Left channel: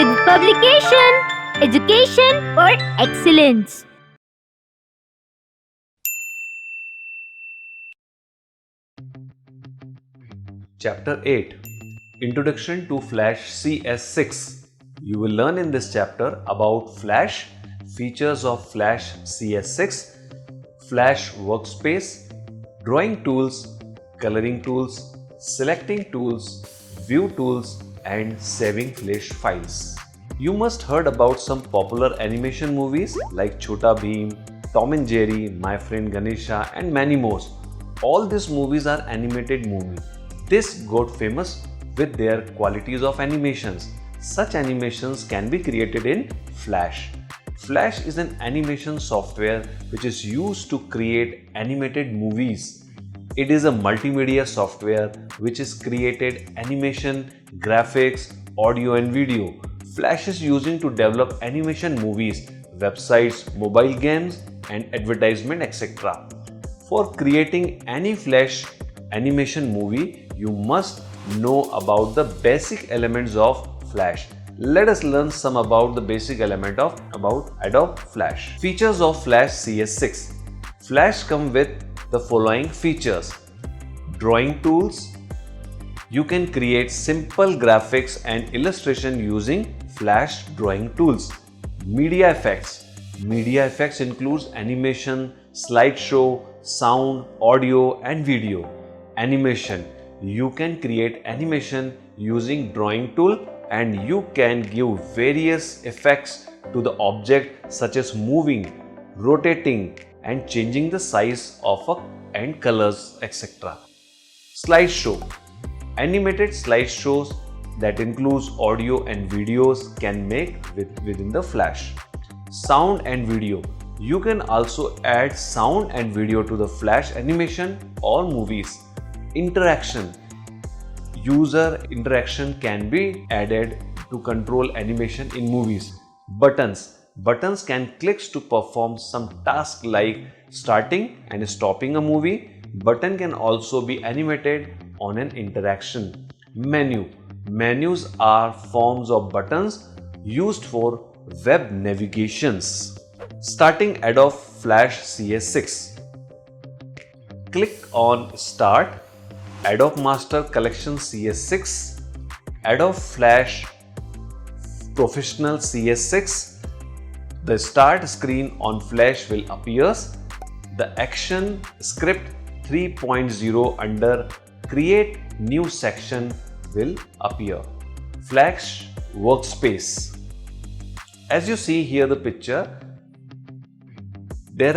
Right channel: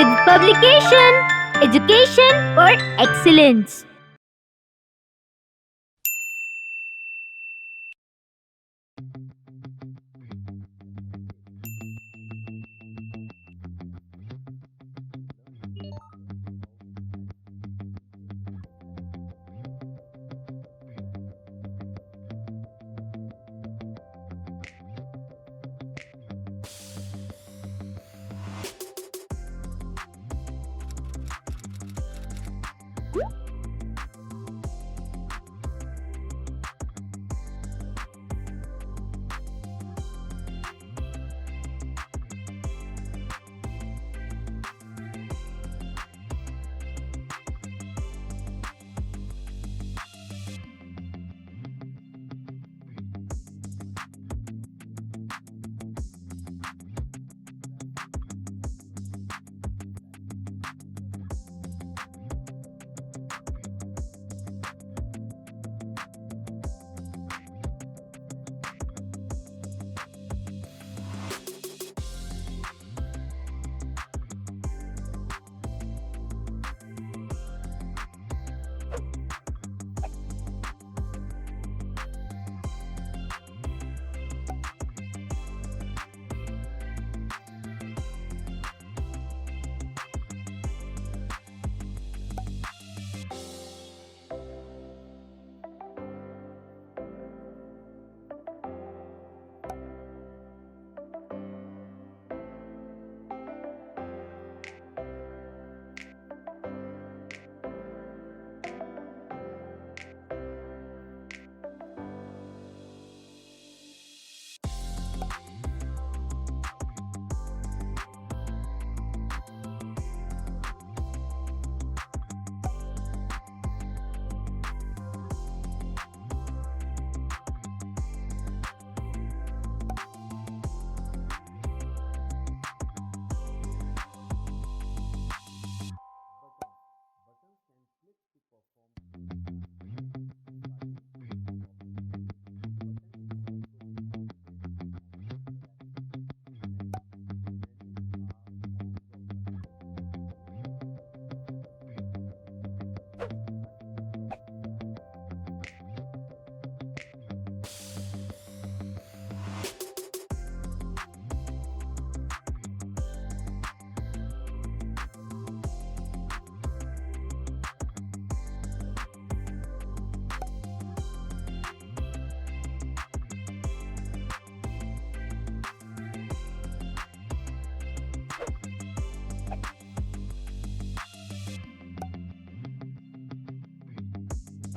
VedV Publication, Education for Excellence. Chapter 8 Introduction to Flash CS6. You will learn in this chapter about Flash, features of Flash CS6, Flash Workspace, drawing tools, coloring tools, selecting tools, view tools, and saving Flash files. You must heard about some popular animation movies like Chhota Bheem, Tom and Jerry, My Friend Ganesha, and many more. All these movies are animated movies. This got famous with their qualities of animations. Such animations can be created in Flash. Flash is an animation software which is used to create animated movies. It is a multimedia software which is created animation, graphics, audio and video. Flash is using to develop animation movies, websites, mobile games and advertisement, etc. For creating any Flash animation movie, you must know about the basic elements of Flash. Let us learn some about the basic element of ADOBE Flash. Features of Flash CS6. Flash come with the following features. Drawing tools. You can create simple graphics and illustration using Flash drawing tools. Media effects. Media effects includes animation, slideshow, sound, audio and video. Animation. You can create animation using drawing tool and you can give various effects to the object such as moving, rotating and changing the size of and colors, etc. Slideshow. Animated slideshows that includes audio and videos can make within the Flash. Sound and video. You can also add sound and video to the Flash animation or movies. Interaction. User interaction can be added to control animation in movies. Buttons. Buttons can click to perform some task like starting and stopping a movie. Button can also be animated on an interaction. Menu. Menus are forms of buttons used for web navigations. Starting ADOBE Flash CS6. Click on Start, ADOBE Master Collection CS6, ADOBE Flash Professional CS6. The start screen on Flash will appear. The action script 3.0 under Create New Section will appear. Flash Workspace. As you see here the picture, there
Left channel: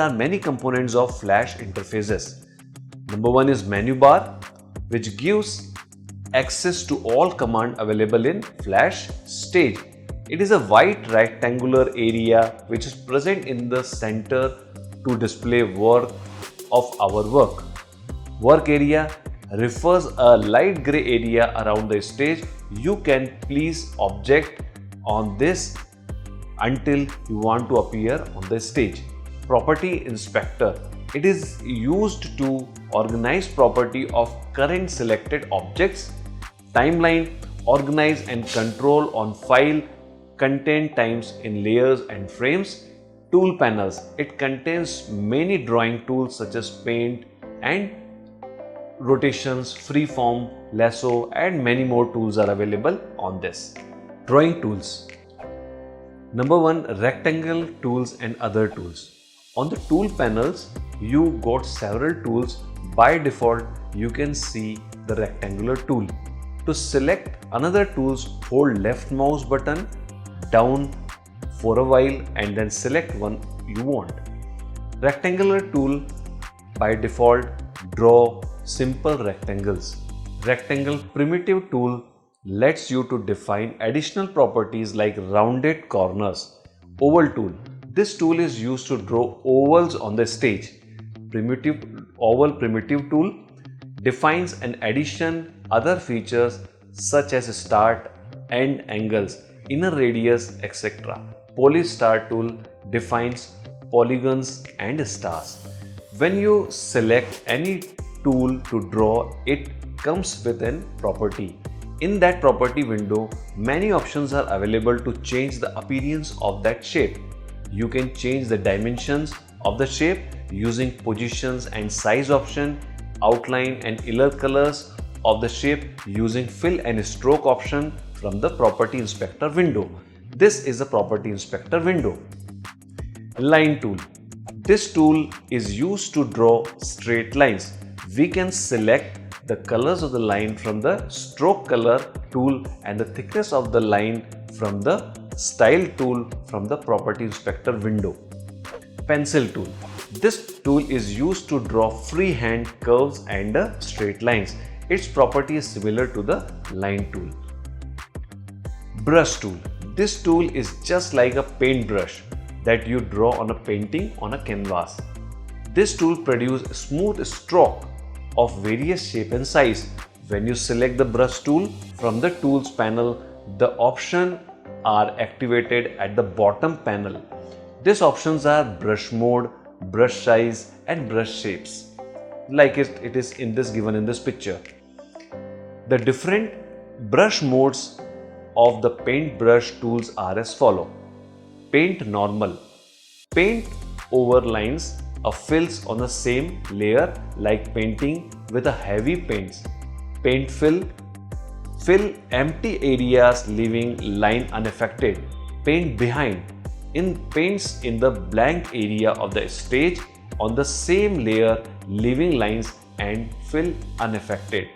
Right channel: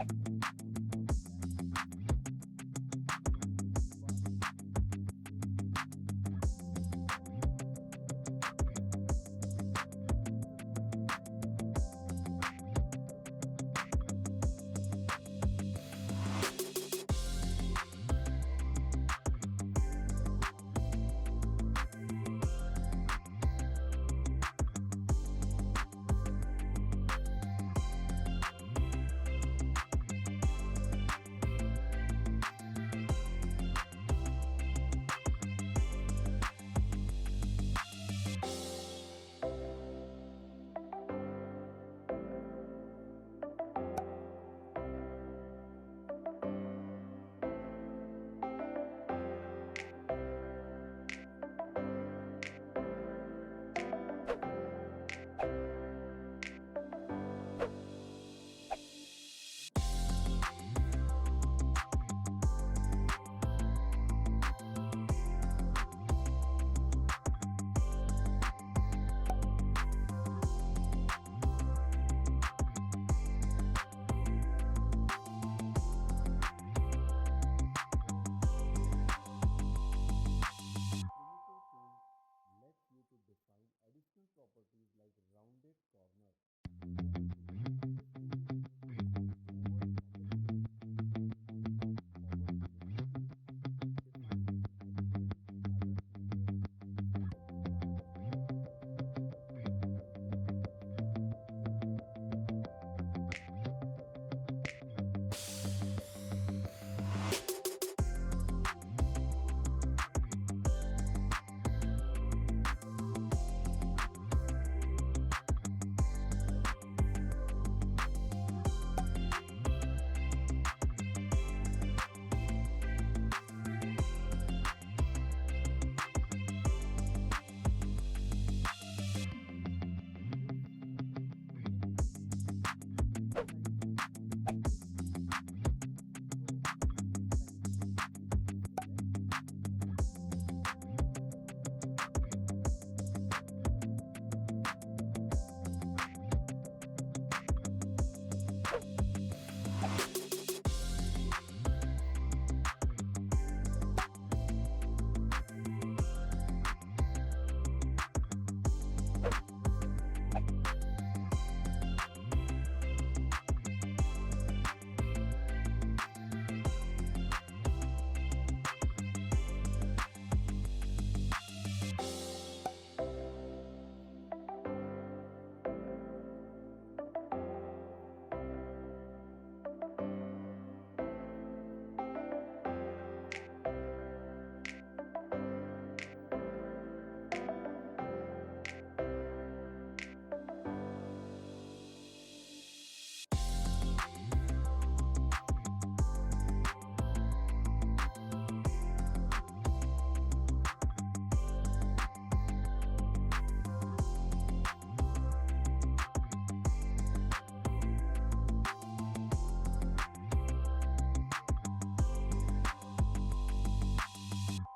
are many components of Flash interfaces. Number one is menu bar, which gives access to all commands available in Flash stage. It is a white rectangular area which is present in the center to display work of our work. Work area refers a light gray area around the stage. You can place object on this until you want to appear on the stage. Property inspector. It is used to organize property of current selected objects. Timeline. Organize and control on file content times in layers and frames. Tool panels. It contains many drawing tools such as paint and rotations, freeform, lasso and many more tools are available on this. Drawing tools. Number one, rectangle tools and other tools. On the tool panels, you got several tools. By default, you can see the rectangular tool. To select another tools, hold left mouse button down for a while and then select one you want. Rectangular tool by default draw simple rectangles. Rectangle primitive tool lets you to define additional properties like rounded corners. Oval tool. This tool is used to draw ovals on the stage. Oval primitive tool defines an addition other features such as start, end angles, inner radius, etc. Poly star tool defines polygons and stars. When you select any tool to draw, it comes with a property. In that property window, many options are available to change the appearance of that shape. You can change the dimensions of the shape using positions and size option, outline and inner colors of the shape using fill and stroke option from the property inspector window. This is a property inspector window. Line tool. This tool is used to draw straight lines. We can select the colors of the line from the stroke color tool and the thickness of the line from the style tool from the property inspector window. Pencil tool. This tool is used to draw freehand curves and straight lines. Its property is similar to the line tool. Brush tool. This tool is just like a paintbrush that you draw on a painting on a canvas. This tool produces a smooth stroke of various shape and size. When you select the brush tool from the tools panel, the options are activated at the bottom panel. These options are brush mode, brush size and brush shapes, like it is given in this picture. The different brush modes of the paintbrush tools are as follow. Paint normal. Paint over lines or fills on the same layer like painting with a heavy paints. Paint fill. Fill empty areas leaving line unaffected. Paint behind. In paints in the blank area of the stage on the same layer leaving lines and fill unaffected.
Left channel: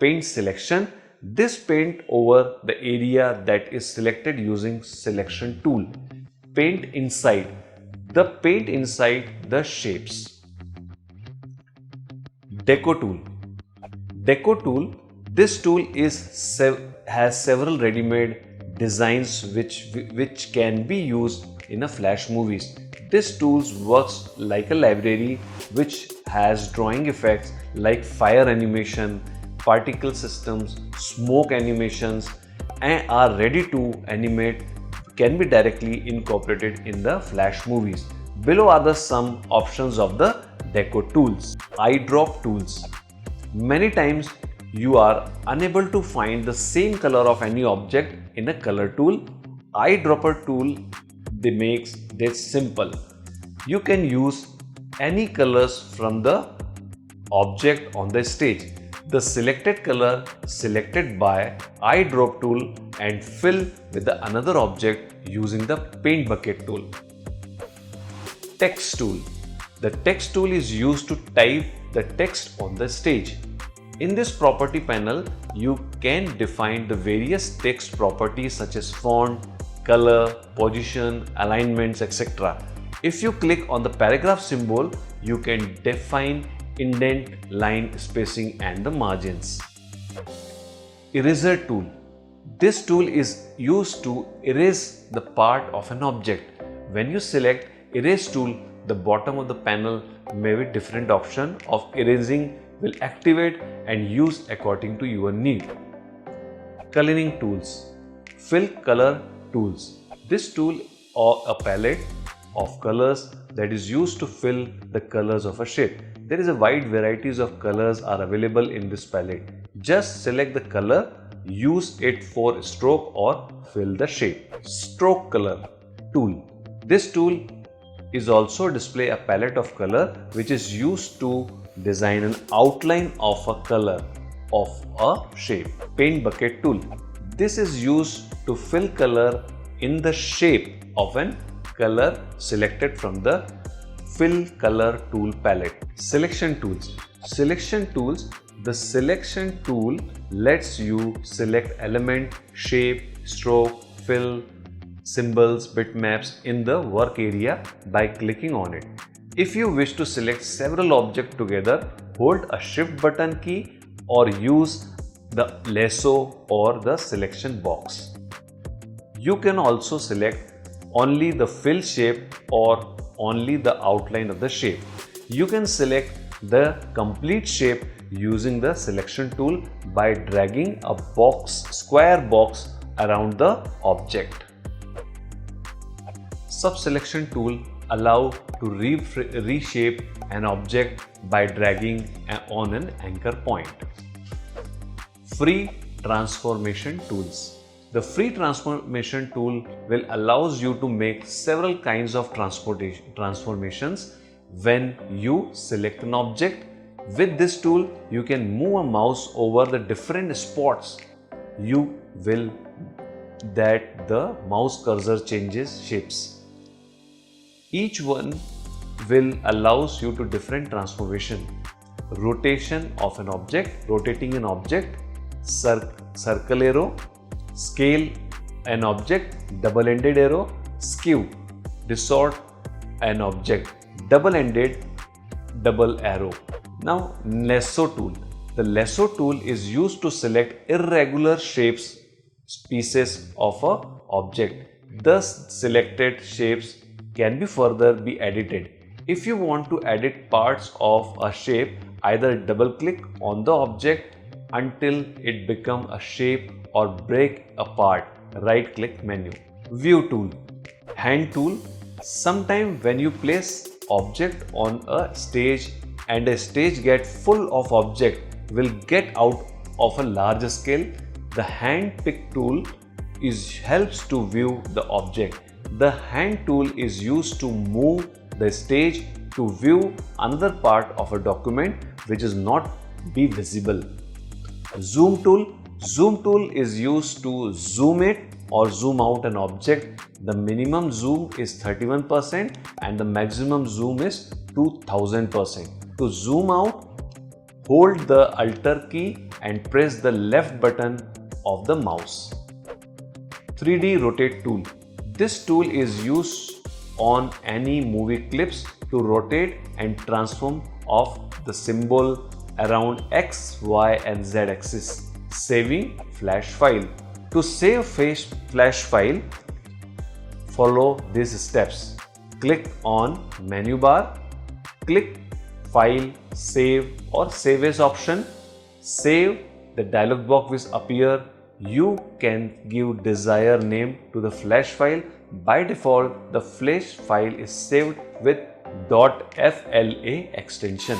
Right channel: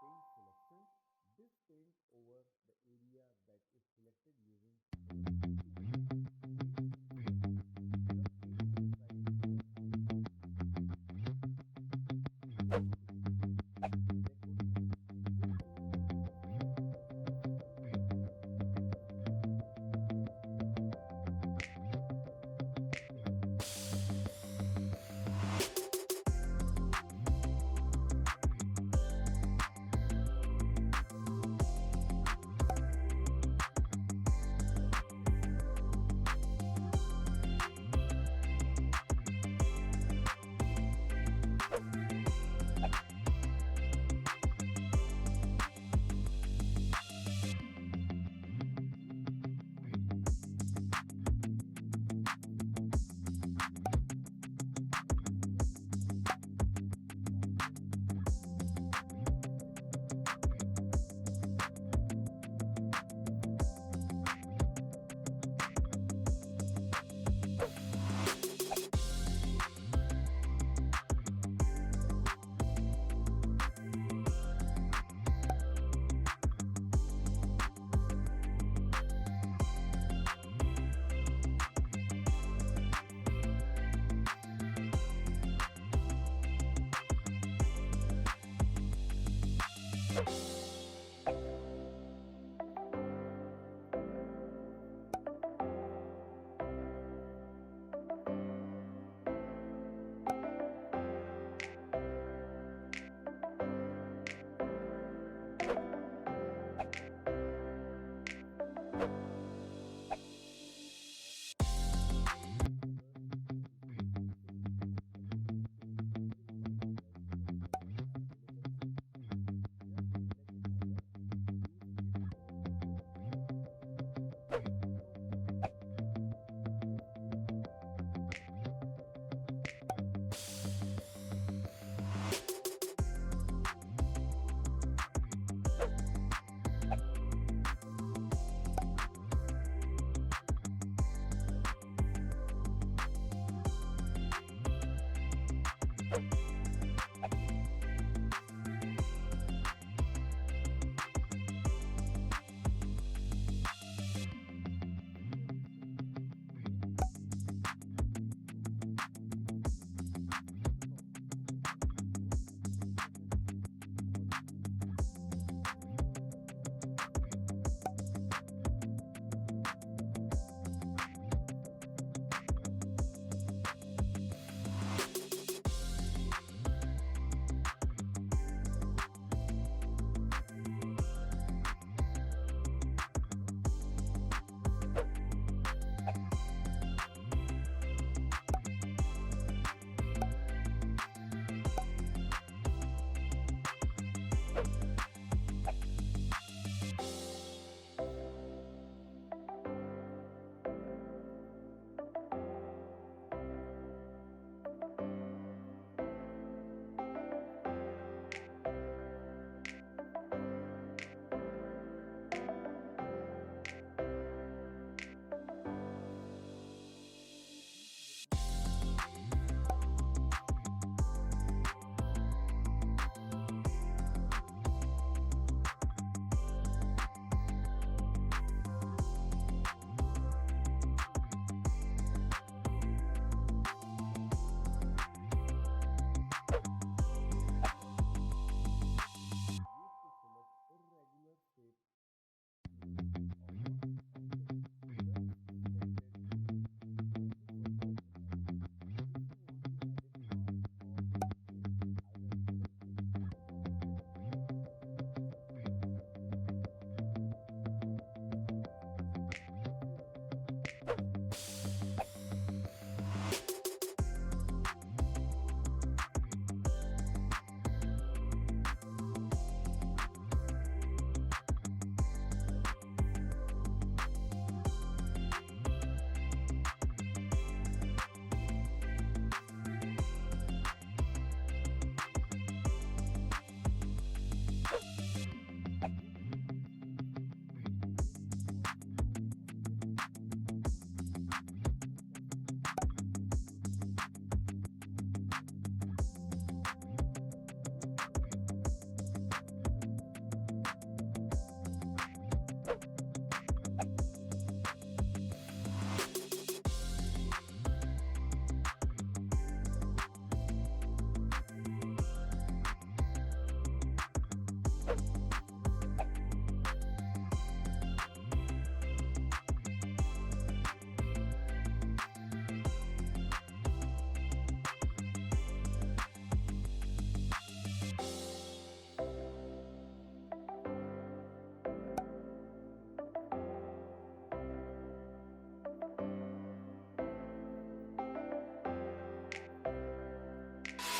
Paint selection. This paint over the area that is selected using selection tool. Paint inside. The paint inside the shapes. Deco tool. Deco tool. This tool has several ready-made designs which can be used in a flash movies. This tool works like a library which has drawing effects like fire animation, particle systems, smoke animations, and are ready to animate, can be directly incorporated in the flash movies. Below are some options of the deco tools. Eyedrop tools. Many times you are unable to find the same color of any object in a color tool. Eyedropper tool makes this simple. You can use any colors from the object on the stage. The selected color selected by eyedrop tool and fill with another object using the paint bucket tool. Text tool. The text tool is used to type the text on the stage. In this property panel, you can define the various text properties such as font, color, position, alignments, etc. If you click on the paragraph symbol, you can define indent, line, spacing and the margins. Eraser tool. This tool is used to erase the part of an object. When you select erase tool, the bottom of the panel may be different option of erasing will activate and use according to your need. Coloring tools. Fill color tools. This tool or a palette of colors that is used to fill the colors of a shape. There is a wide varieties of colors are available in this palette. Just select the color, use it for stroke or fill the shape. Stroke color tool. This tool is also display a palette of color which is used to design an outline of a color of a shape. Paint bucket tool. This is used to fill color in the shape of an color selected from the fill color tool palette. Selection tools. Selection tools. The selection tool lets you select element, shape, stroke, fill, symbols, bitmaps in the work area by clicking on it. If you wish to select several objects together, hold a shift button key or use the lasso or the selection box. You can also select only the fill shape or only the outline of the shape. You can select the complete shape using the selection tool by dragging a square box around the object. Subselection tool allow to reshape an object by dragging on an anchor point. Free transformation tools. The free transformation tool will allows you to make several kinds of transformations when you select an object. With this tool, you can move a mouse over the different spots. You will that the mouse cursor changes shapes. Each one will allows you to different transformation. Rotation of an object, rotating an object, circle arrow, scale an object, double-ended arrow, skew, distort an object, double-ended double arrow. Now, Lasso tool. The Lasso tool is used to select irregular shapes, pieces of a object. Thus, selected shapes can be further be edited. If you want to edit parts of a shape, either double click on the object until it become a shape or break apart. Right click menu. View tool. Hand tool. Sometime when you place object on a stage and a stage get full of object will get out of a larger scale, the hand pick tool helps to view the object. The hand tool is used to move the stage to view another part of a document which is not be visible. Zoom tool. Zoom tool is used to zoom it or zoom out an object. The minimum zoom is 31% and the maximum zoom is 2000%. To zoom out, hold the Alt key and press the left button of the mouse. 3D rotate tool. This tool is used on any movie clips to rotate and transform of the symbol around X, Y and Z axis. Saving flash file. To save flash file, follow these steps. Click on menu bar, click File, Save or Save as option. Save, the dialog box will appear. You can give desired name to the flash file. By default, the flash file is saved with .fla extension.